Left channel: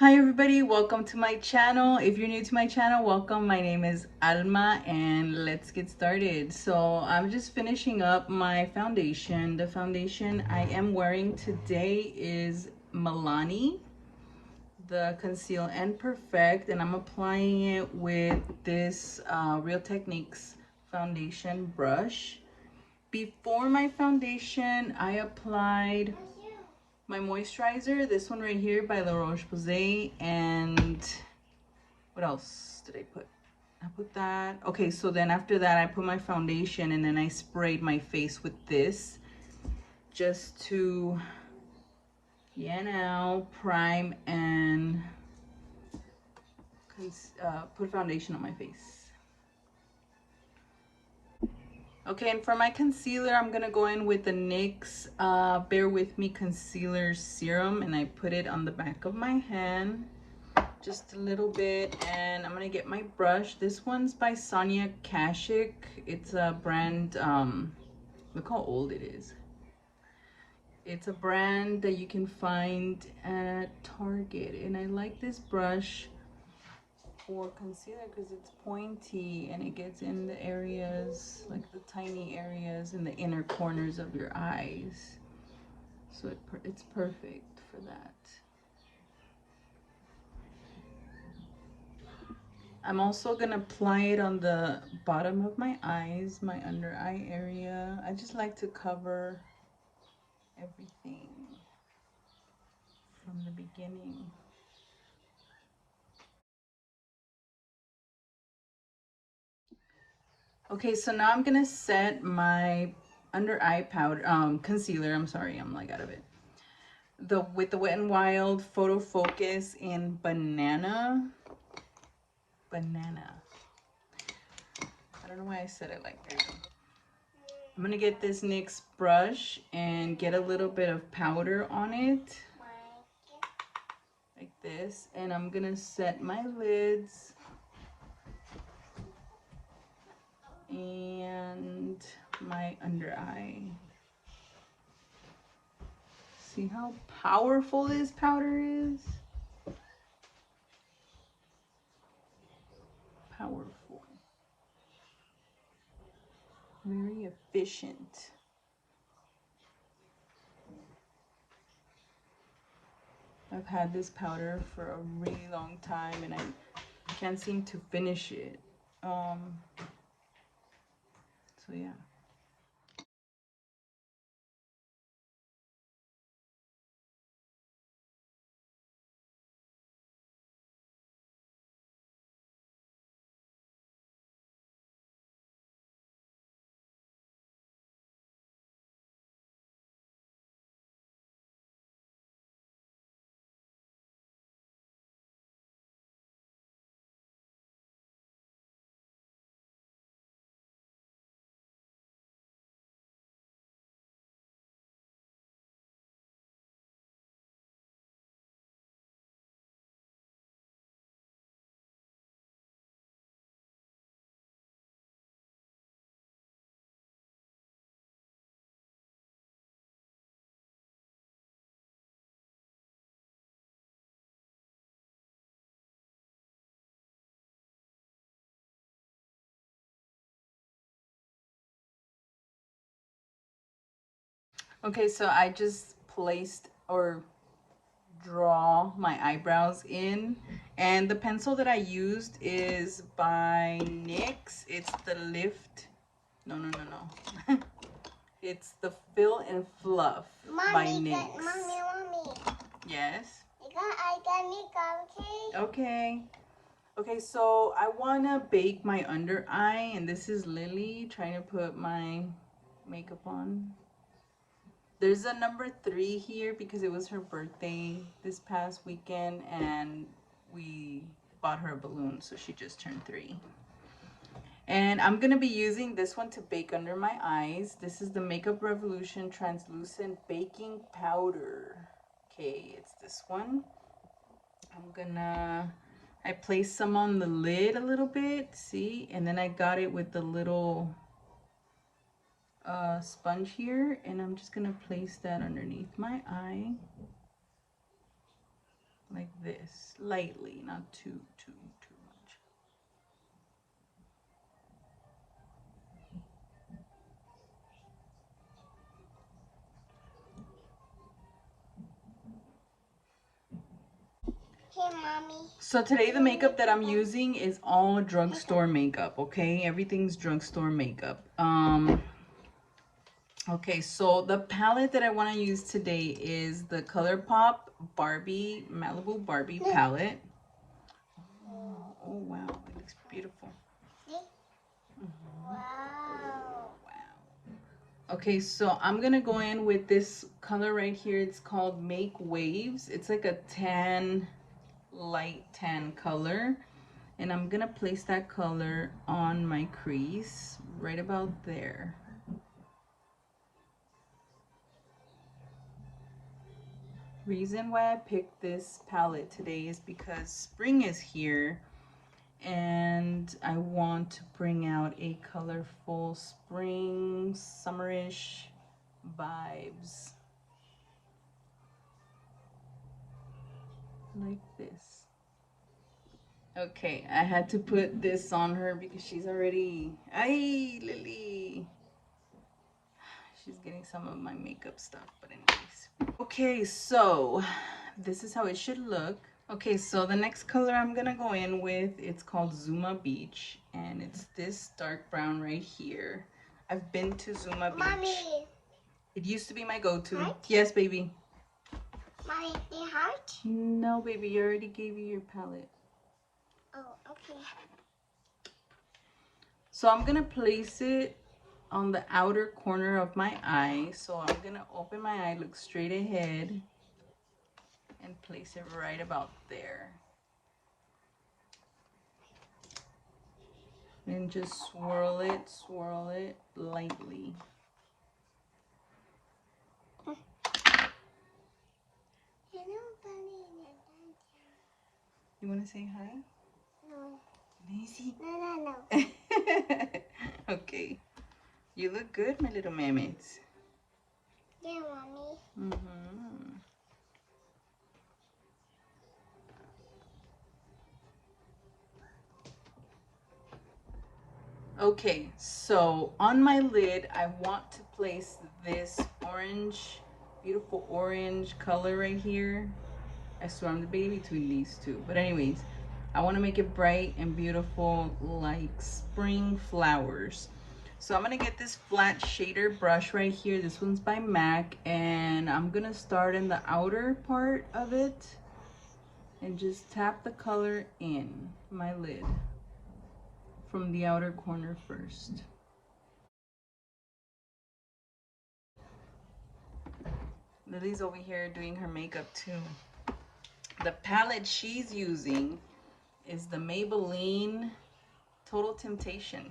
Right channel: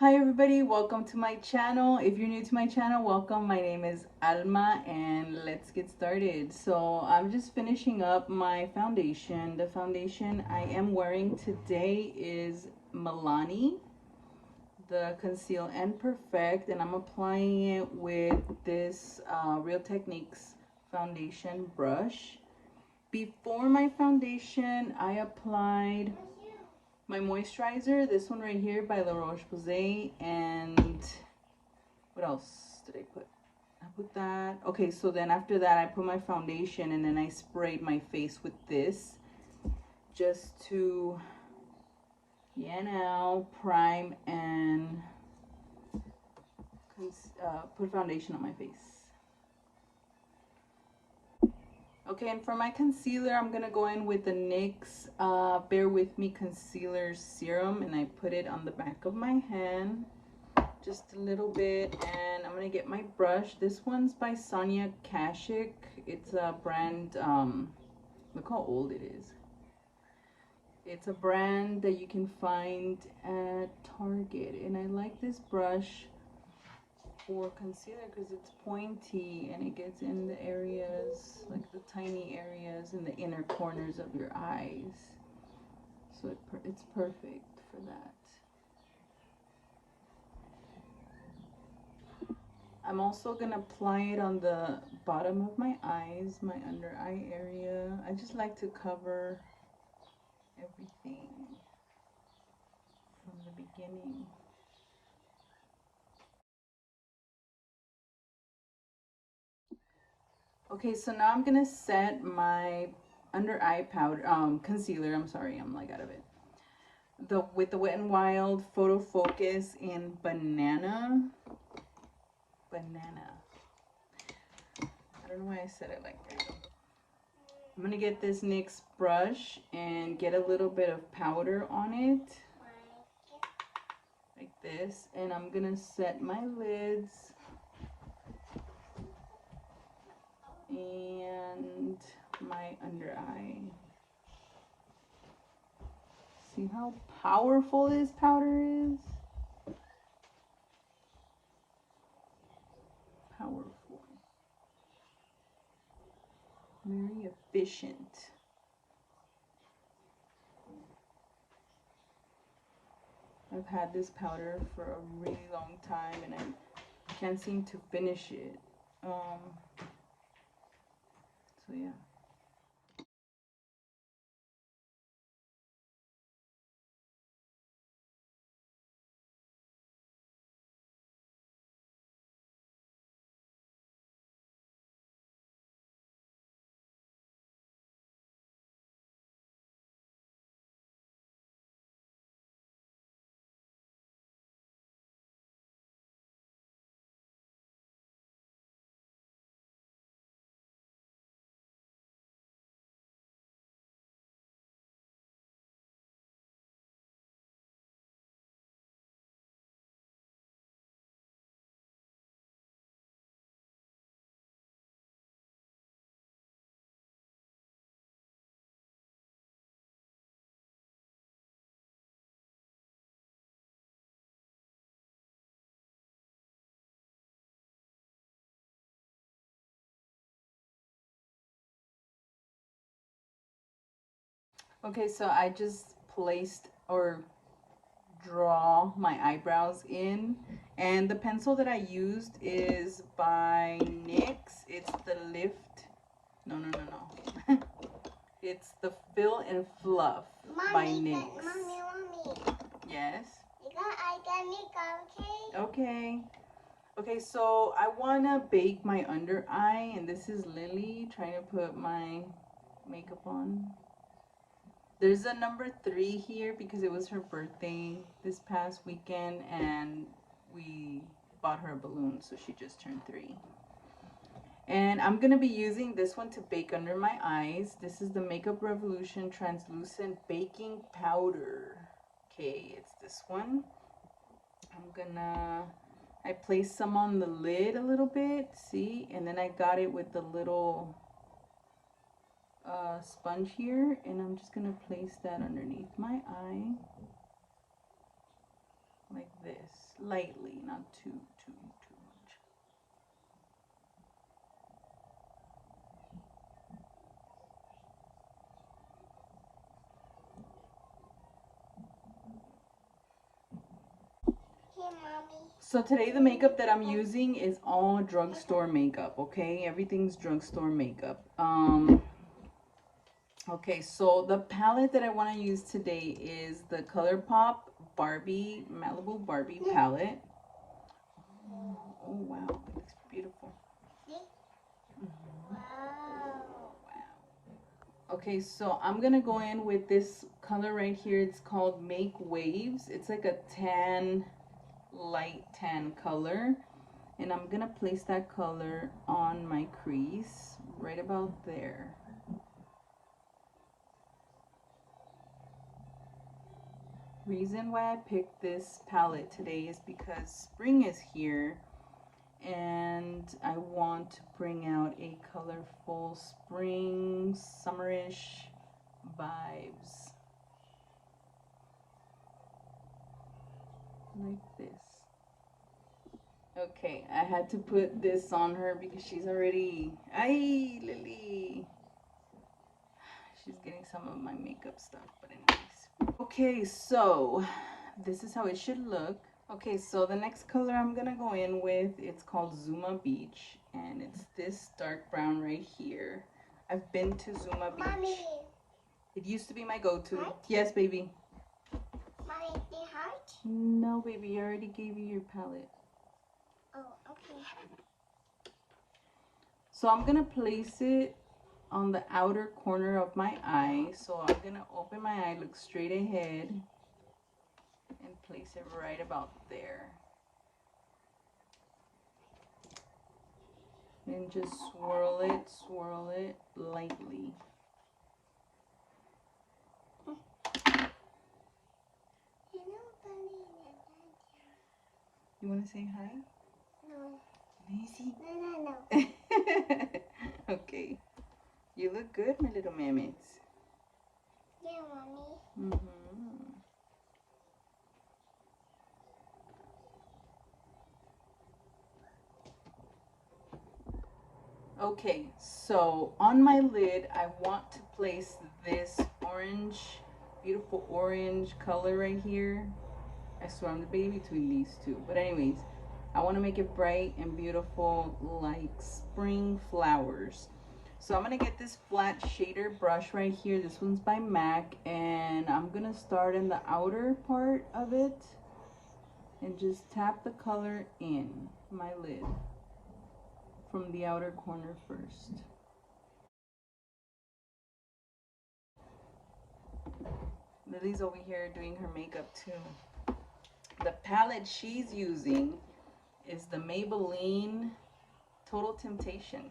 Hi everybody, welcome to my channel. If you're new to my channel, welcome. My name is Alma and let's get started. So I'm just finishing up my foundation. The foundation I am wearing today is Milani, the Conceal and Perfect, and I'm applying it with this Real Techniques foundation brush. Before my foundation, I applied my moisturizer, this one right here by La Roche-Posay, and what else did I put? I put that. Okay, so then after that I put my foundation and then I sprayed my face with this just to, prime and put foundation on my face. Okay, and for my concealer, I'm gonna go in with the NYX Bear With Me Concealer Serum, and I put it on the back of my hand, just a little bit, and I'm gonna get my brush. This one's by Sonia Kashuk. It's a brand, look how old it is. It's a brand that you can find at Target, and I like this brush for concealer because it's pointy and it gets in the areas, like the tiny areas in the inner corners of your eyes. So it's perfect for that. I'm also gonna apply it on the bottom of my eyes, my under eye area. I just like to cover everything from the beginning. Okay, so now I'm gonna set my under eye powder, concealer. I'm sorry, I'm like out of it. With the Wet n Wild Photo Focus in Banana. I don't know why I said it like that. I'm gonna get this NYX brush and get a little bit of powder on it, like this, and I'm gonna set my lids and my under eye. See how powerful this powder is? Powerful. Very efficient. I've had this powder for a really long time and I can't seem to finish it. So yeah. Okay, so I just placed or draw my eyebrows in, and the pencil that I used is by NYX. It's the Lift, no. It's the Fill and Fluff by NYX. Mommy. Yes? Okay. Okay, so I want to bake my under eye, and this is Lily trying to put my makeup on. There's a number 3 here because it was her birthday this past weekend and we bought her a balloon, so she just turned 3. And I'm going to be using this one to bake under my eyes. This is the Makeup Revolution Translucent Baking Powder. Okay, it's this one. I placed some on the lid a little bit, see? And then I got it with the little sponge here, and I'm just gonna place that underneath my eye. like this, lightly, not too much. Hey, Mommy. So today the makeup that I'm using is all drugstore makeup, okay? Everything's drugstore makeup. Okay, so the palette that I want to use today is the ColourPop Barbie, Malibu Barbie palette. Oh wow, it looks beautiful. Wow. Okay, so I'm gonna go in with this color right here. It's called Make Waves. It's like a tan, light tan color. And I'm gonna place that color on my crease, right about there. Reason why I picked this palette today is because spring is here and I want to bring out a colorful spring, summerish vibes. Like this. Okay, I had to put this on her because she's already, ay, Lily. She's getting some of my makeup stuff, but anyways. Okay, so this is how it should look. Okay, so the next color I'm gonna go in with, it's called Zuma Beach, and it's this dark brown right here. I've been to Zuma Beach. Mommy. It used to be my go-to. Heart? Yes, baby. Mommy, the heart? No, baby, I already gave you your palette. Oh, okay. So I'm gonna place it on the outer corner of my eye. So I'm gonna open my eye, look straight ahead, and place it right about there. And just swirl it lightly. You want to say hi? No. Lazy? No. Okay. You look good, my little mermaids. Yeah, Mommy. Okay, so on my lid, I want to place this orange, beautiful orange color right here. I swear I'm the baby between these two. But anyways, I want to make it bright and beautiful like spring flowers. So I'm going to get this flat shader brush right here. This one's by MAC. And I'm going to start in the outer part of it. And just tap the color in my lid from the outer corner first. Lily's over here doing her makeup too. The palette she's using is the Maybelline Total Temptation.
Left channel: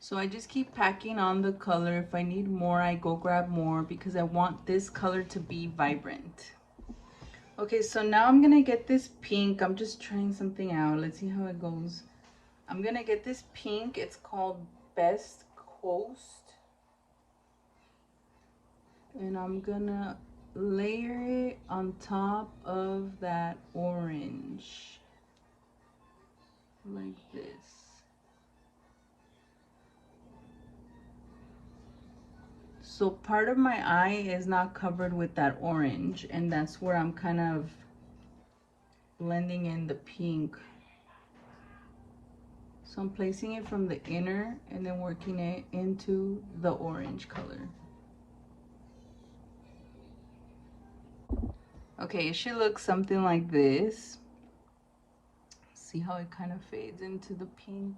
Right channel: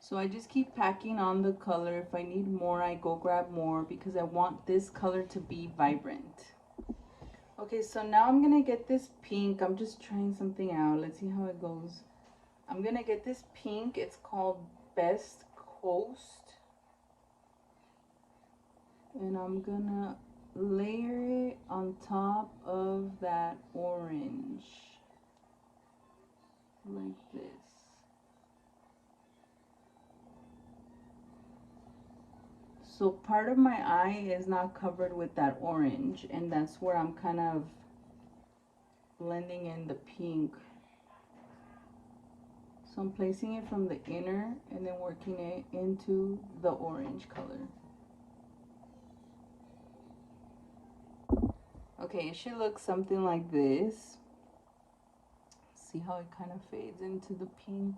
So I just keep packing on the color. If I need more, I go grab more because I want this color to be vibrant. Okay, so now I'm gonna get this pink. I'm just trying something out. Let's see how it goes. I'm gonna get this pink. It's called Best Coast. And I'm gonna layer it on top of that orange. Like this. So part of my eye is not covered with that orange, and that's where I'm kind of blending in the pink. So I'm placing it from the inner and then working it into the orange color. Okay, it should look something like this. See how it kind of fades into the pink?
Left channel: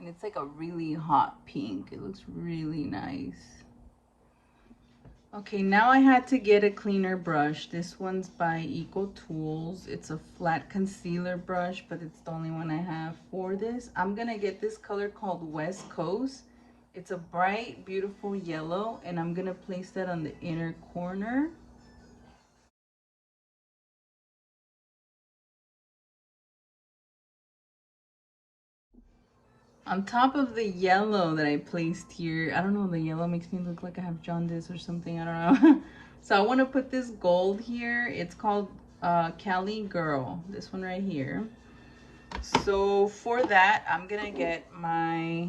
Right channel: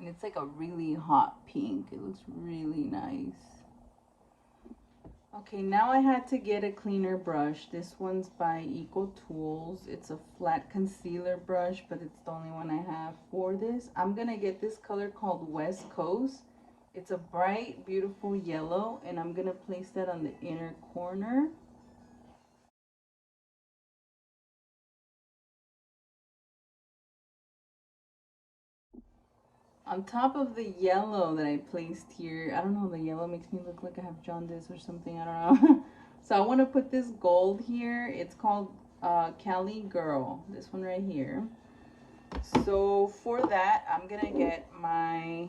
And it's like a really hot pink. It looks really nice. Okay, now I had to get a cleaner brush. This one's by Eco Tools. It's a flat concealer brush, but it's the only one I have for this. I'm gonna get this color called West Coast. It's a bright, beautiful yellow, and I'm gonna place that on the inner corner. On top of the yellow that I placed here, I don't know, the yellow makes me look like I have jaundice or something, I don't know. So I want to put this gold here. It's called Cali Girl, this one right here. So for that, I'm gonna get my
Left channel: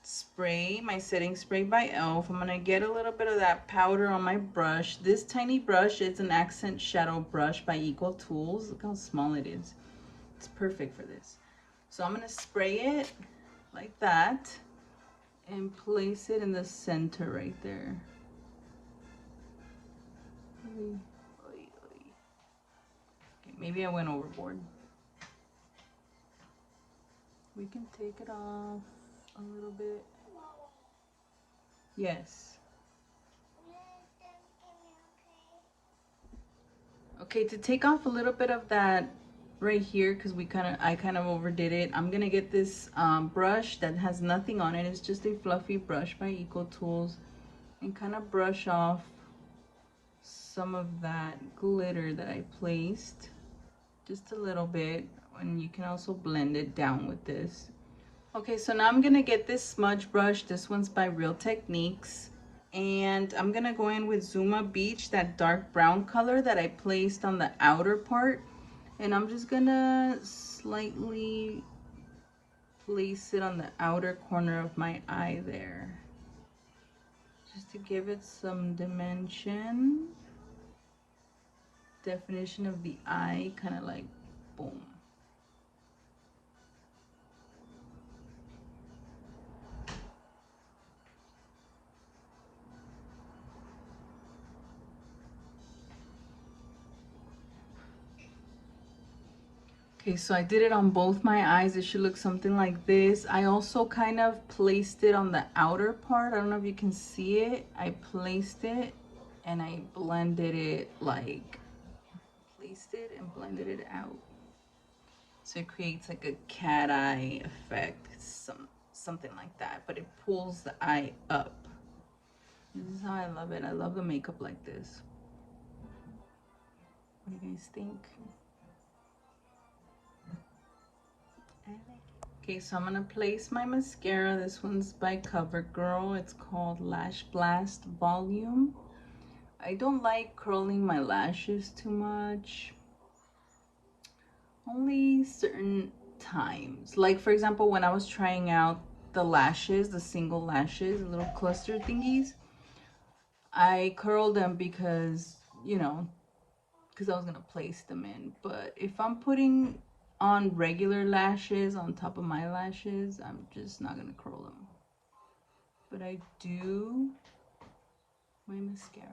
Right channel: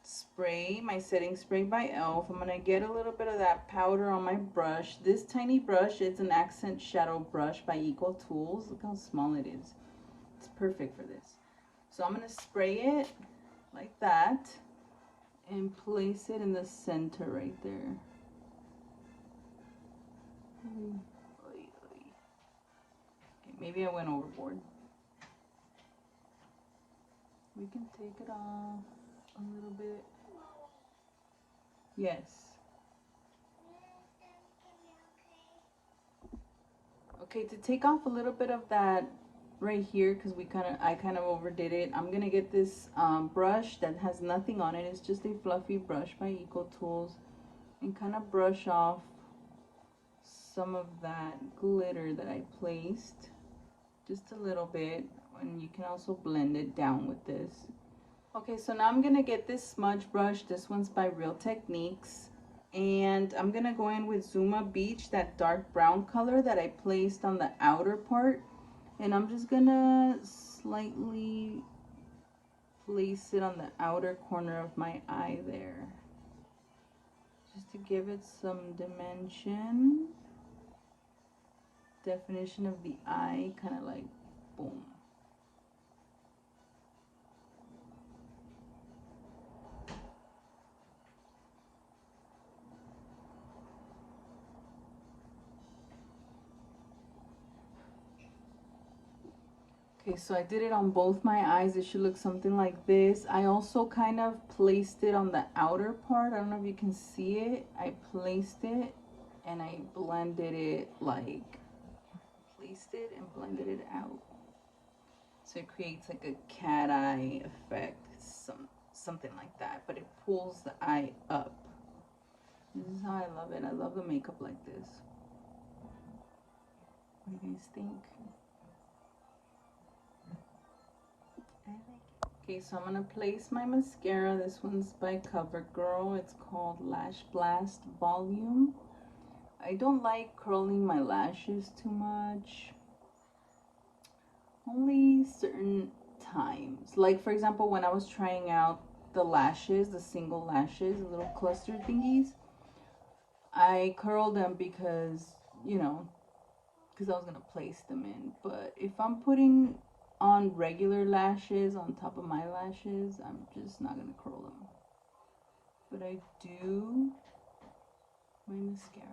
spray, my setting spray by e.l.f. I'm gonna get a little bit of that powder on my brush. This tiny brush, it's an accent shadow brush by Equal Tools. Look how small it is. It's perfect for this. So I'm gonna spray it like that and place it in the center right there. Okay, maybe I went overboard. We can take it off a little bit. Yes. Okay, to take off a little bit of that right here, because I kind of overdid it, I'm gonna get this brush that has nothing on it. It's just a fluffy brush by Equal Tools, and kind of brush off some of that glitter that I placed, just a little bit, and you can also blend it down with this. Okay, so now I'm gonna get this smudge brush. This one's by Real Techniques. And I'm gonna go in with Zuma Beach, that dark brown color that I placed on the outer part. And I'm just gonna slightly place it on the outer corner of my eye there. Just to give it some dimension. Definition of the eye, kind of like boom. Okay, so I did it on both my eyes. It should look something like this. I also kind of placed it on the outer part. I don't know if you can see it. I placed it and I blended it, like placed it and blended it out. So it creates like a cat eye effect, something like that, but it pulls the eye up. This is how I love it. I love the makeup like this. What do you guys think? Okay, so I'm gonna place my mascara. This one's by CoverGirl. It's called Lash Blast Volume. I don't like curling my lashes too much. Only certain times. Like for example, when I was trying out the lashes, the single lashes, the little cluster thingies, I curled them because, you know, because I was gonna place them in. But if I'm putting on regular lashes on top of my lashes, I'm just not gonna curl them. But I do my mascara.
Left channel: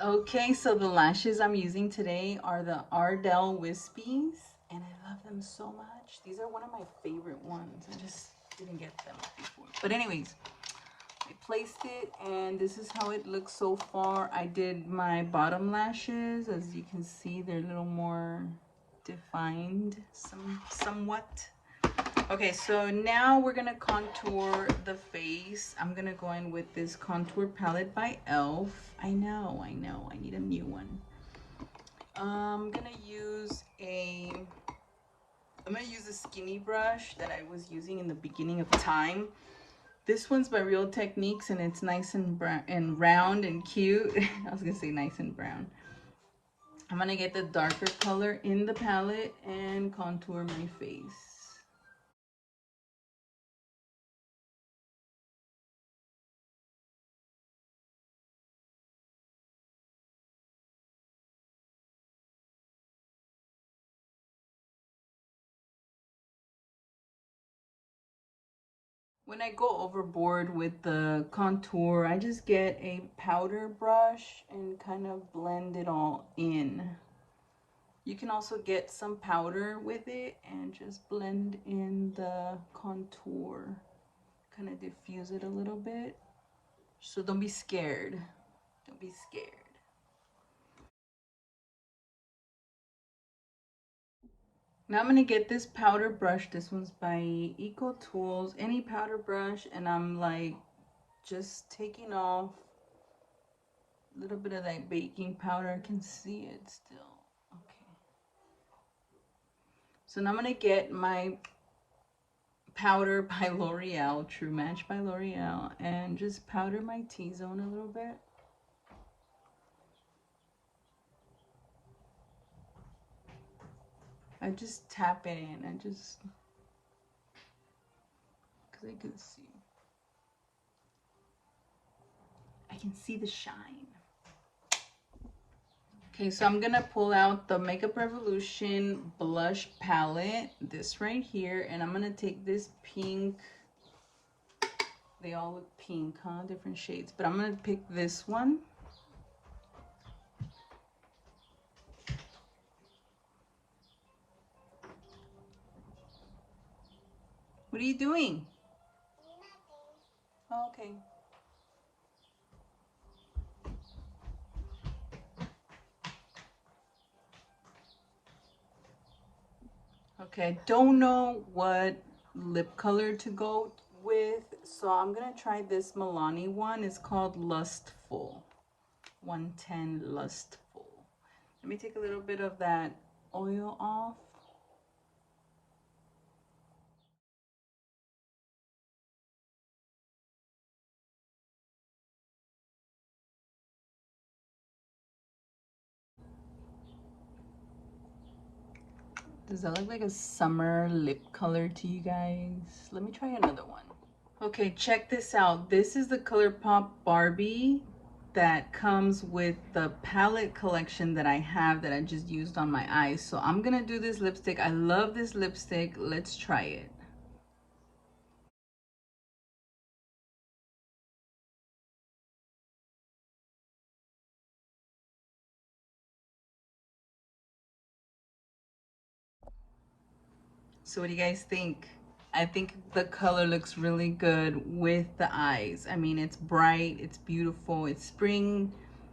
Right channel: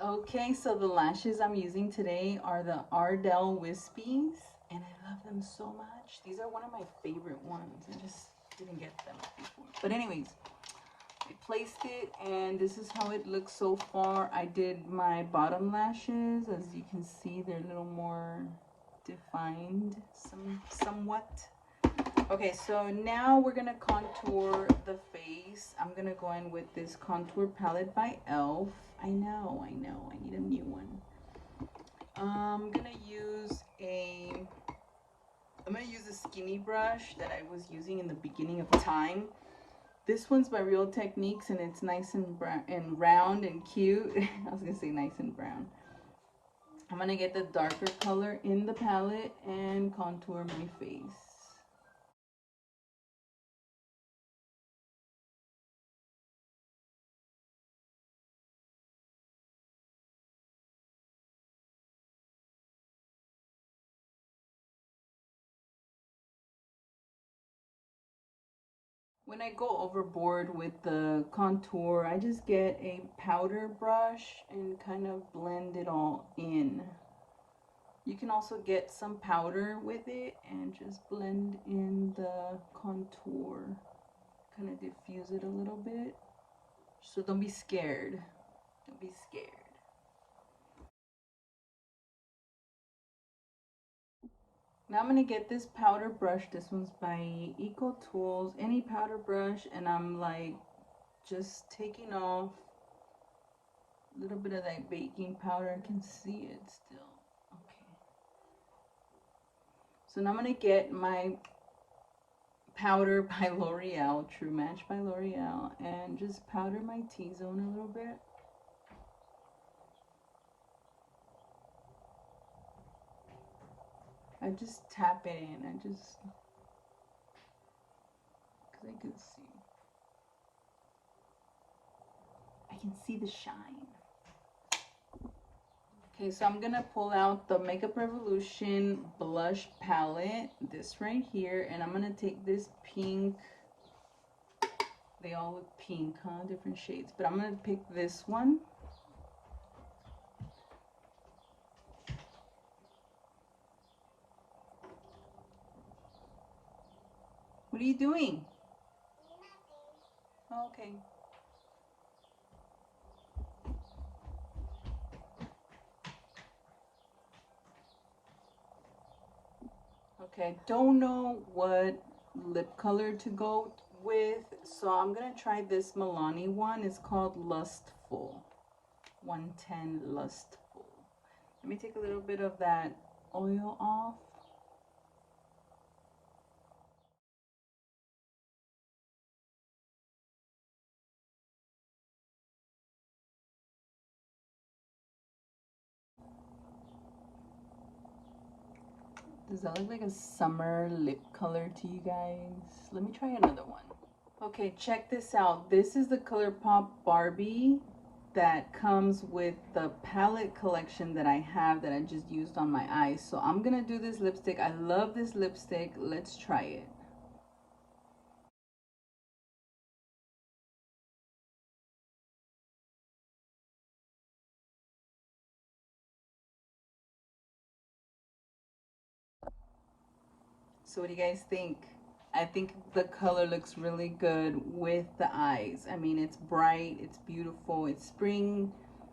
Okay, so the lashes I'm using today are the Ardell Wispies, and I love them so much. These are one of my favorite ones. I just didn't get them before. But anyways, I placed it, and this is how it looks so far. I did my bottom lashes. As you can see, they're a little more defined, somewhat. Okay, so now we're gonna contour the face. I'm gonna go in with this contour palette by e.l.f. I know, I need a new one. I'm gonna use a skinny brush that I was using in the beginning of time. This one's by Real Techniques, and it's nice and brown and round and cute. I was gonna say nice and brown. I'm gonna get the darker color in the palette and contour my face. When I go overboard with the contour, I just get a powder brush and kind of blend it all in. You can also get some powder with it and just blend in the contour. Kind of diffuse it a little bit. So don't be scared. Don't be scared. Now I'm going to get this powder brush. This one's by Eco Tools. Any powder brush, and I'm like just taking off a little bit of that baking powder. I can see it still. Okay. So now I'm going to get my powder by L'Oreal, True Match by L'Oreal, and just powder my T-zone a little bit. I just tap it in, because I can see the shine. Okay, so I'm gonna pull out the Makeup Revolution blush palette, this right here, and I'm gonna take this pink. They all look pink, huh? Different shades, but I'm gonna pick this one. What are you doing? Oh, okay. Okay, I don't know what lip color to go with, so I'm gonna try this Milani one. It's called Lustful. 110 Lustful. Let me take a little bit of that oil off. Does that look like a summer lip color to you guys? Let me try another one. Okay, check this out. This is the ColourPop Barbie that comes with the palette collection that I have that I just used on my eyes. So I'm gonna do this lipstick. I love this lipstick. Let's try it. So what do you guys think? I think the color looks really good with the eyes. I mean, it's bright, it's beautiful, it's spring.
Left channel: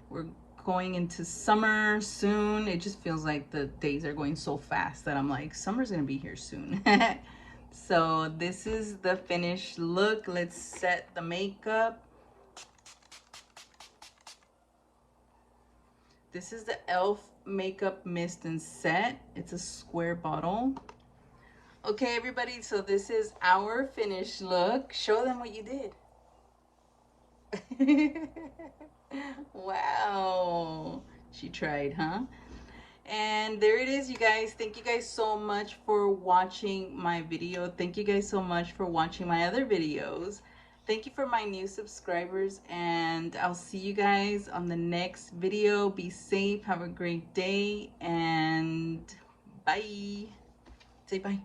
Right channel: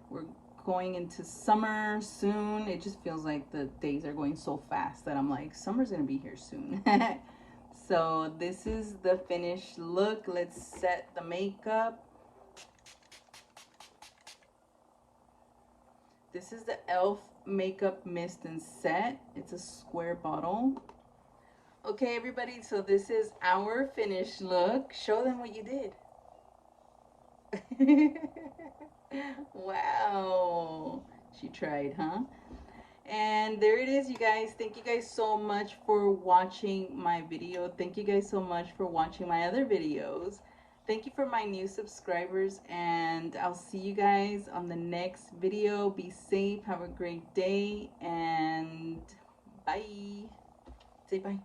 We're going into summer soon. It just feels like the days are going so fast that I'm like, summer's gonna be here soon. So this is the finished look. Let's set the makeup. This is the e.l.f. Makeup Mist and Set. It's a square bottle. Okay, everybody, so this is our finished look. Show them what you did. Wow. She tried, huh? And there it is, you guys. Thank you guys so much for watching my video. Thank you guys so much for watching my other videos. Thank you for my new subscribers, and I'll see you guys on the next video. Be safe, have a great day, and bye. Say bye.